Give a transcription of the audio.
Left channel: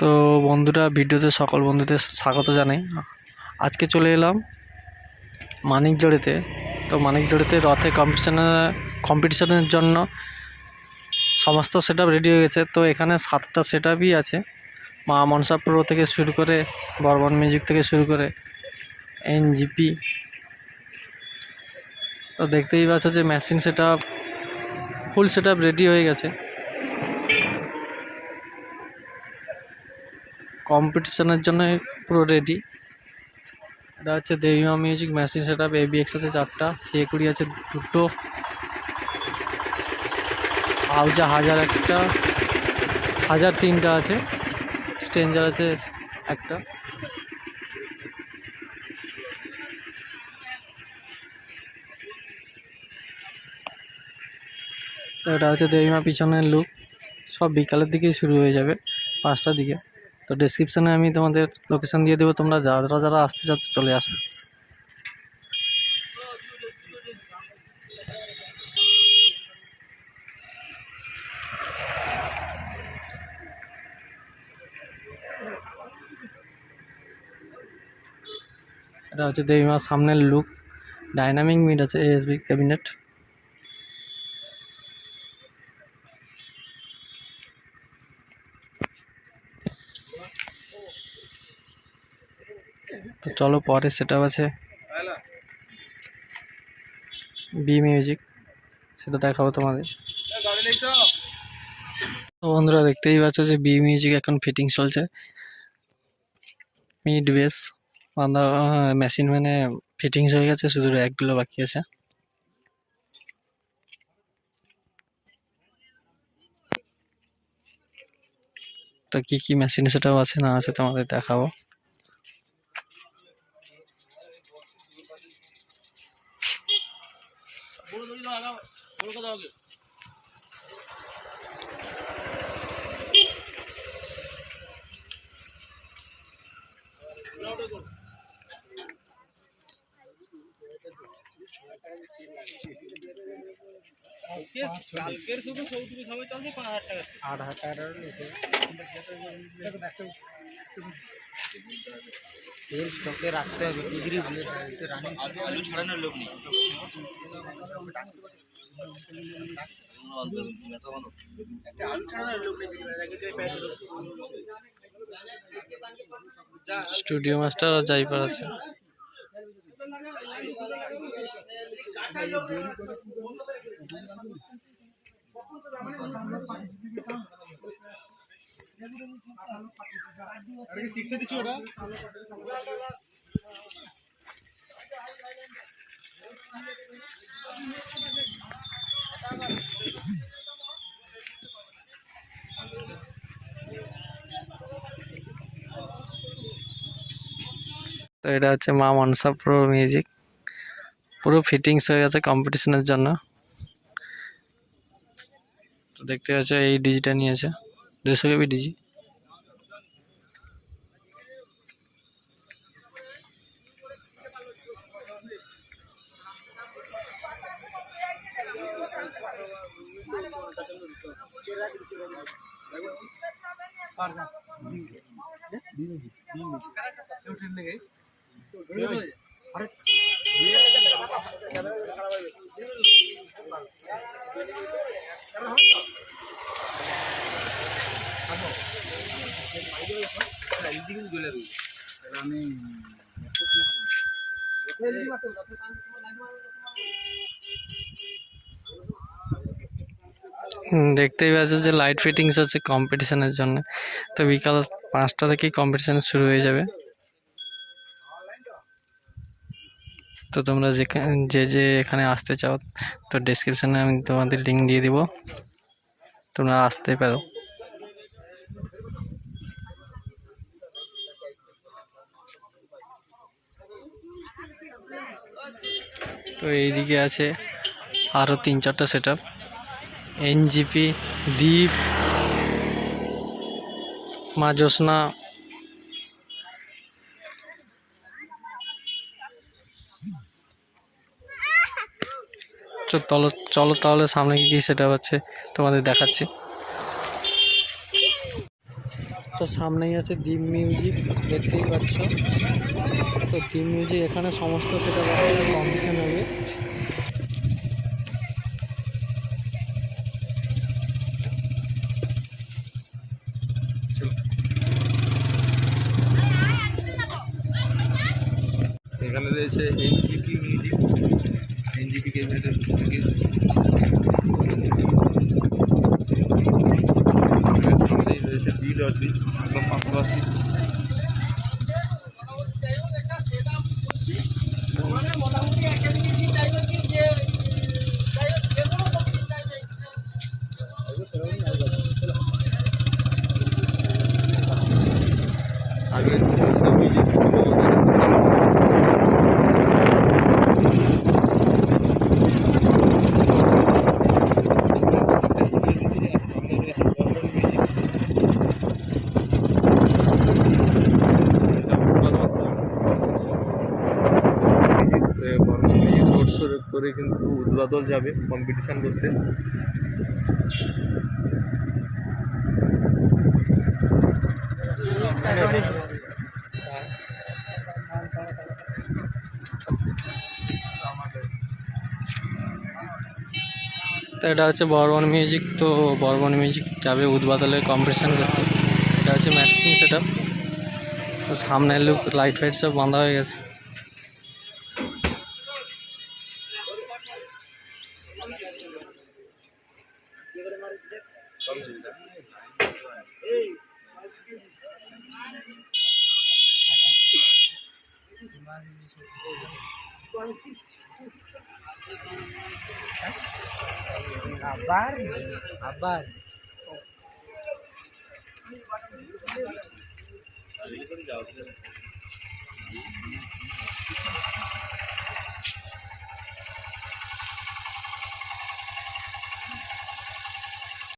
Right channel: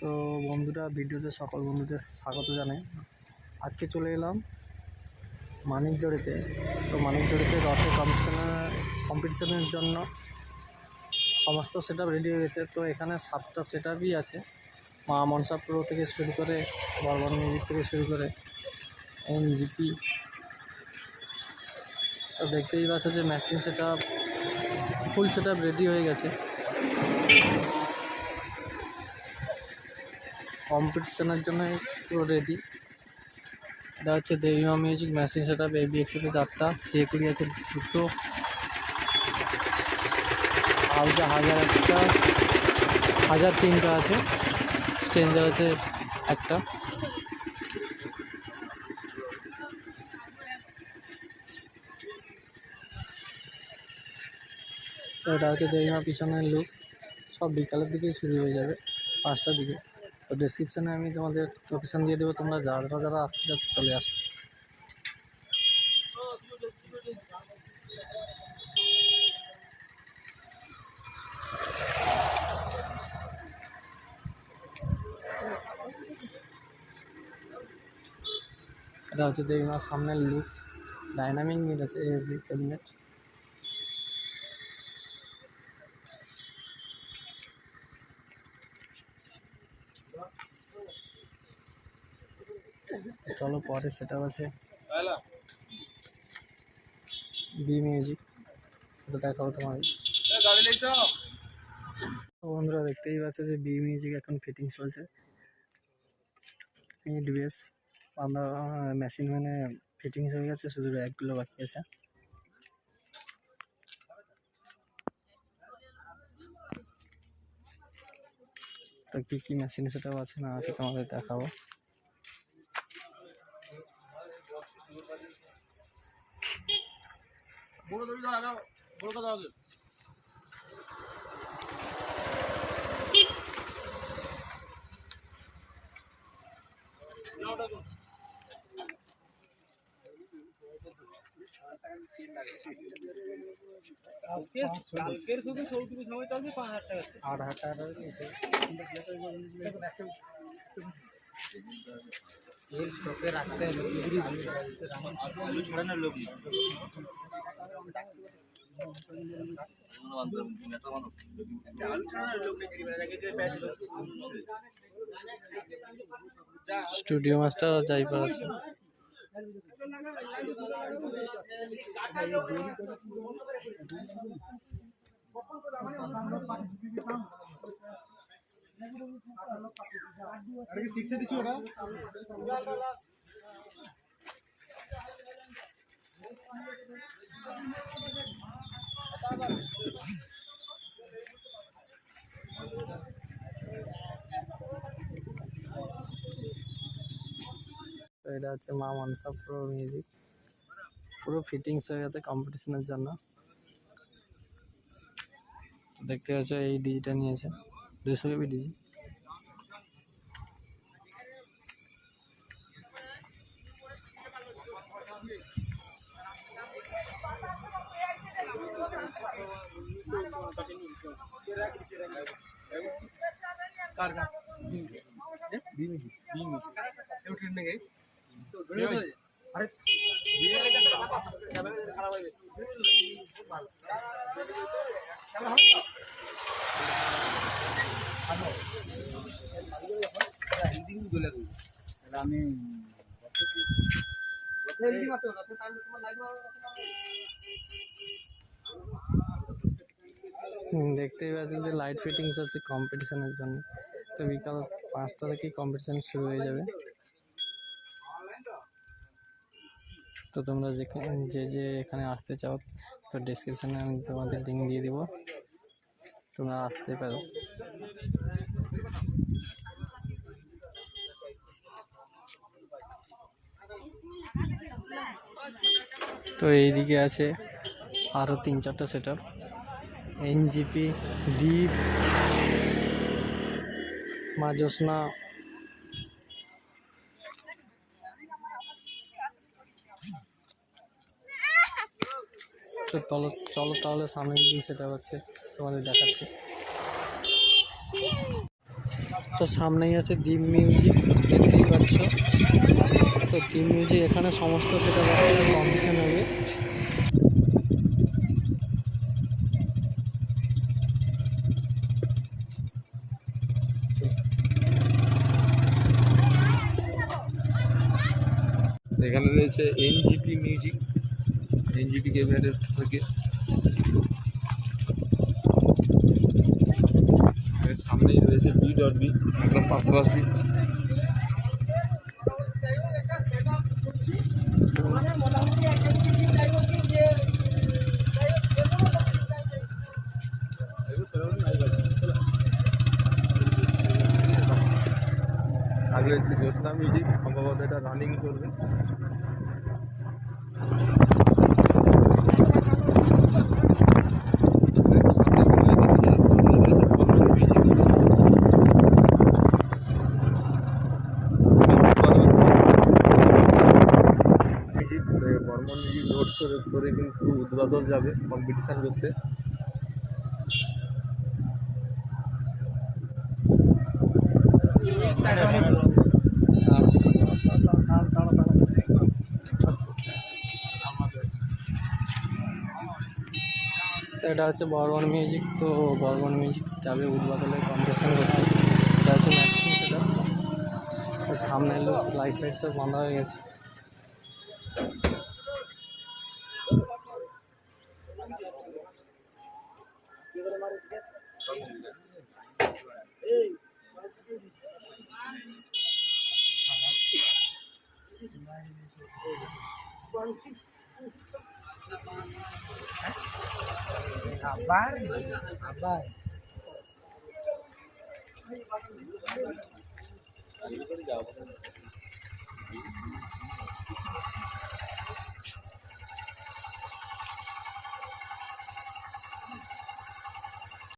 তো বন্ধুরা, ভিডিওতে সকল বন্ধুদের স্বাগত জানাই। আজকে চলে এলাম মানিকজোড়িতে। তো মানিকজোড়িতে রথে কম্পিটিশনের জন্য সমস্ত সেট আপ রেডি হয়ে গেছে। তো এখানে 7টা সেট আপই আছে, মা মনসা প্রো থেকে শুরু করে বর্বন মিউজিক থেকে শুরু করে এনজিপি। তো দেখতেই পাচ্ছ যে machine set up, full set up ready হয়ে গেছে। কম্পিটিশনের জন্য পুরো রেডি। এটা হচ্ছে দেবীমা music machine set up. ABX আছে 4টা, C20 আছে 2টো, আউজা 1000 একটা, 1000 3টা আছে, স্ট্রেঞ্জার আছে একটা। তো এটা হচ্ছে দেবীমা পিছনের লুক। সব বিকালের দিকেই শুরু হয়ে যাবে, 5টার দিকে। তো ডেসক্রিপশানে আমি তোমাদের লোকেশান দিয়ে দেবো, তোমরা যারা আসতে চাও চলে আসো। এটা হচ্ছে দেবীমার সামনের লুক। ডাইনামিক মিড আছে, ASB ক্যাবিনেট। তো চলো, পরে সেট আপ আছে বি মিউজিক, সেটা দেখাবো তোমাদের। তো বন্ধুরা, দেখতেই পাচ্ছ যে বি মিউজিক এখন ফিটিং চলছে। মিড বেস বাঁধা মেশিন ফিটিংস হয়ে গেছে, শুধু র্যাকগুলো বাকি আছে। তো কি কি মেশিন সেটাও আছে না আছে তোমাদের দেখাবো। রাখতে হবে, আলু ছাড়ানোর লোক নেই। স্টুডিও মাস্টার আর জাইপার আছে। তো এটা হচ্ছে মা মনসা প্রো মিউজিক, পুরো ফিটিংস হয়ে গেছে কম্পিটিশনের জন্য। তো দেখতে পাচ্ছ এই ডিজিটা নিয়েছে 200 KB ডিজি। দেখতেই পাচ্ছ যে লাইট ফিটিংস আছে কম্পিটিশনের জন্য। তো বিকাল 5টা থেকেই কম্পিটিশন শুরু হয়ে যাবে। তো তোমরা যে এখানে আসতে চাও, তো ডেসক্রিপশনে আমি তোমাদের লিঙ্ক দিয়ে দিব, তোমরা আসতে পারো। তো এইদিকে আছে আরও 3-4টা সেট আপ, এনজিপি, দ্বীপ, মা জ্যোৎস্না। চলো তাহলে সামনে কি সেট আপ আছে তোমাদের দেখাচ্ছি। তো সামনেই আছে দ্বীপ মিউজিক, দেখতেই পাচ্ছ। তো দ্বীপ মিউজিক এখানে সমস্ত সেটা কম্পিটিশন হবে। এখানে রয়েছে এনজিপি মিউজিক, এনজিপি ক্যাবিনেটের থেকে। সামনেই রয়েছে বি.বি একদম পাশাপাশি। আগে রয়েছে মিউজিক করে কিন্তু উদ্বোধন যাবে কম্পিটিশান করতে। তো এটা হচ্ছে বর্বন মিউজিক। তো বর্বন মিউজিক যাবে উদ্বোধনে কম্পিটিশান করতে। এটা হচ্ছে ম্যাটসিং সেট আপ। তো সামনের লুক লাইট ফাইট সব বাঁধা হয়ে গেছে। আবার